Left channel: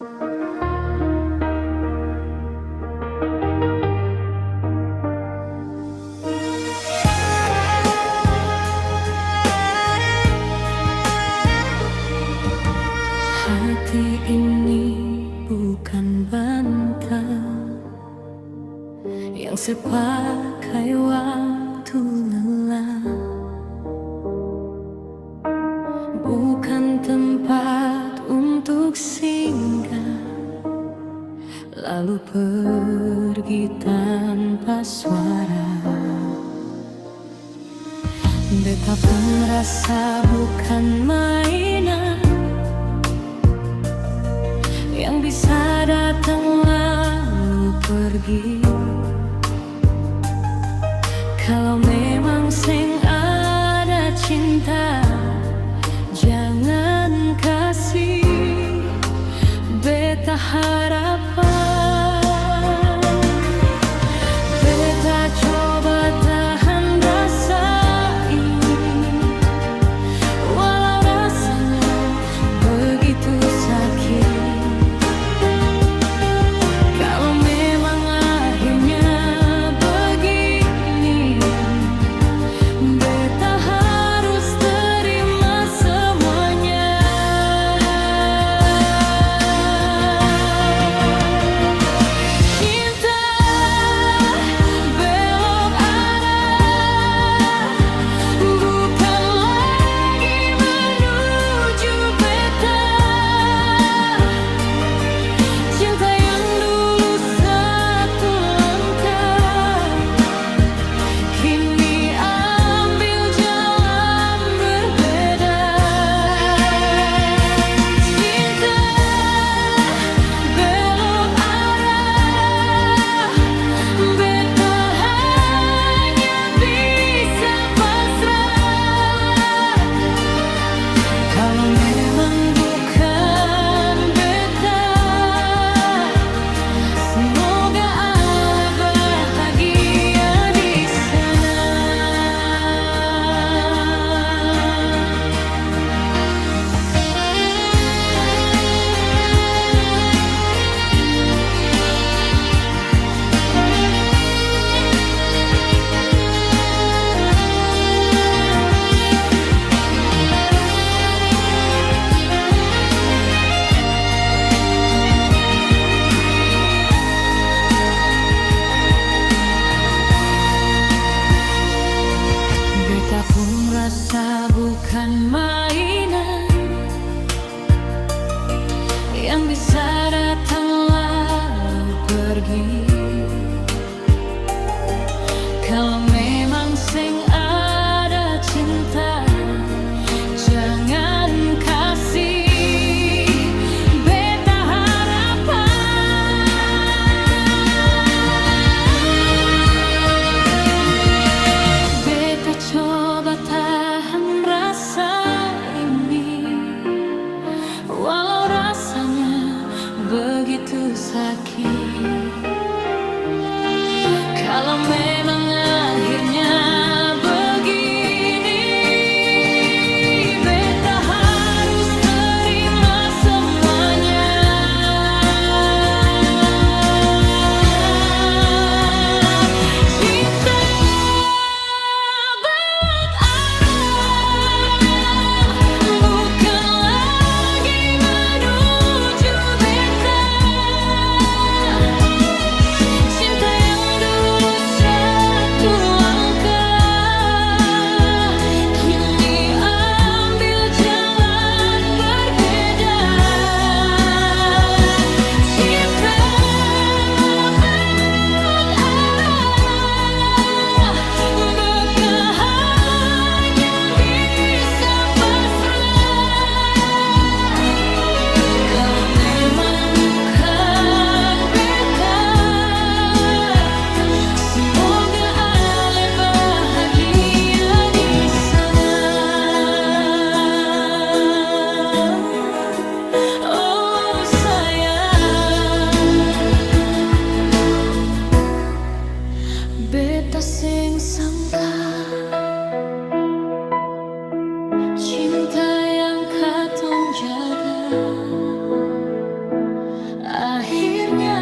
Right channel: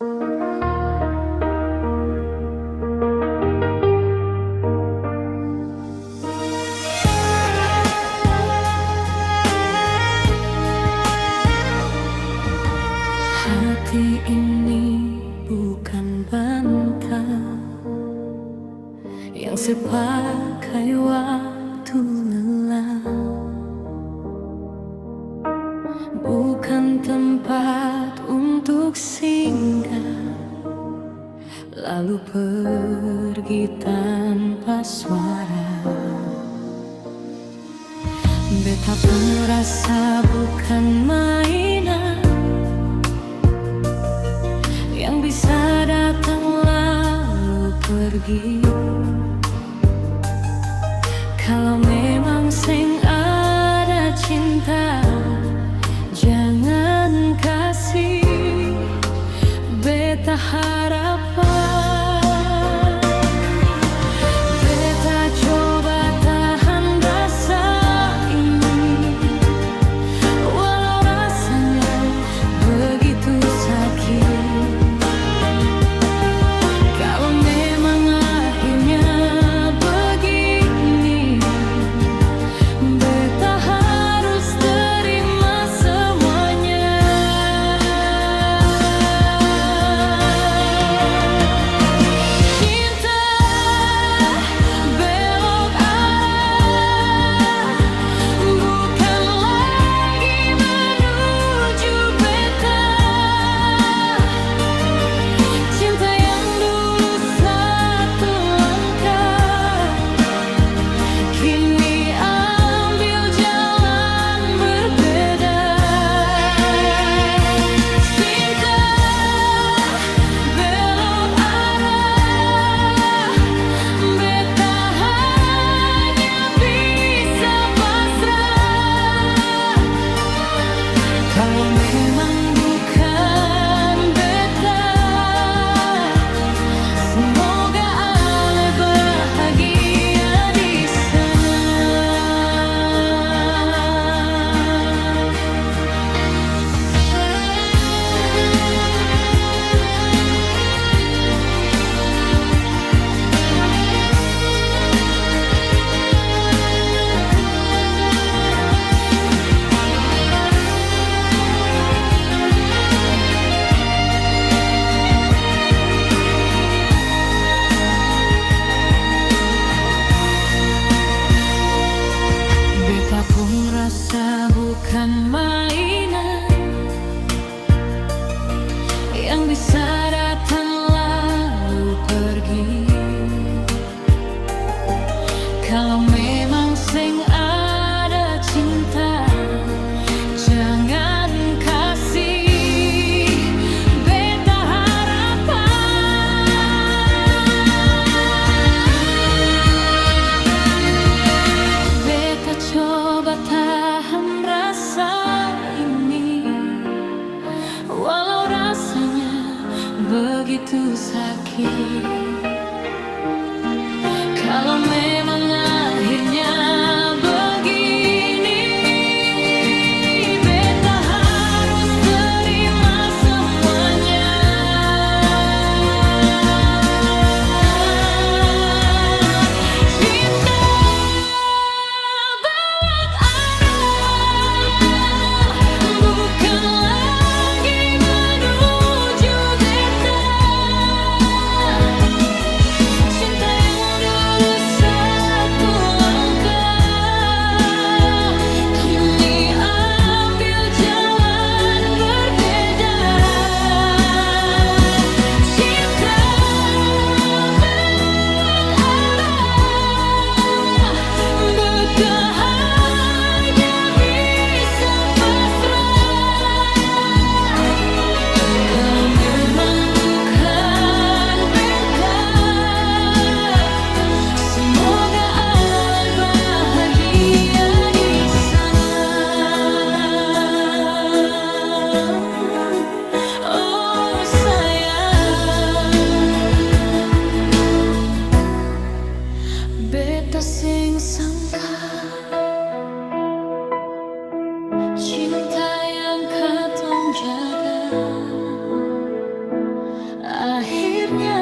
Hati ini bukan bantal yang sepakai waktu lelah, bukan tempat untuk singgah lalu pergi tanpa suara. Beta pun rasa bukan mainan yang bisa datang lalu pergi. Kalau memang seng ada cinta, jangan kasih beta harapan. Beta coba tahan rasa ini, walau rasanya begitu sakit. Kalau memang akhirnya begini, beta harus terima semuanya. Cinta belok arah, bukan lagi menuju beta. Cinta yang dulu satu langkah, kini ambil jalan berbeda. Cinta belok arah, beta hanya bisa pasrah. Kalau memang bukan beta, semoga ale bahagia di sana. Beta pun rasa bukan mainan yang bisa datang lalu pergi. Kalau memang seng ada cinta, jangan kasih beta harapan. Beta coba tahan rasa ini, walau rasanya begitu sakit. Kalau memang akhirnya begini, beta harus terima semuanya. Cinta belok arah, bukan lagi menuju beta. Cinta yang dulu satu langkah, kini ambil jalan berbeda. Cinta belok arah, beta hanya bisa pasrah. Kalau memang bukan beta, semoga ale bahagia di sana. Oh sayang, beta sing sangka cinta yang katong jaga Akhirnya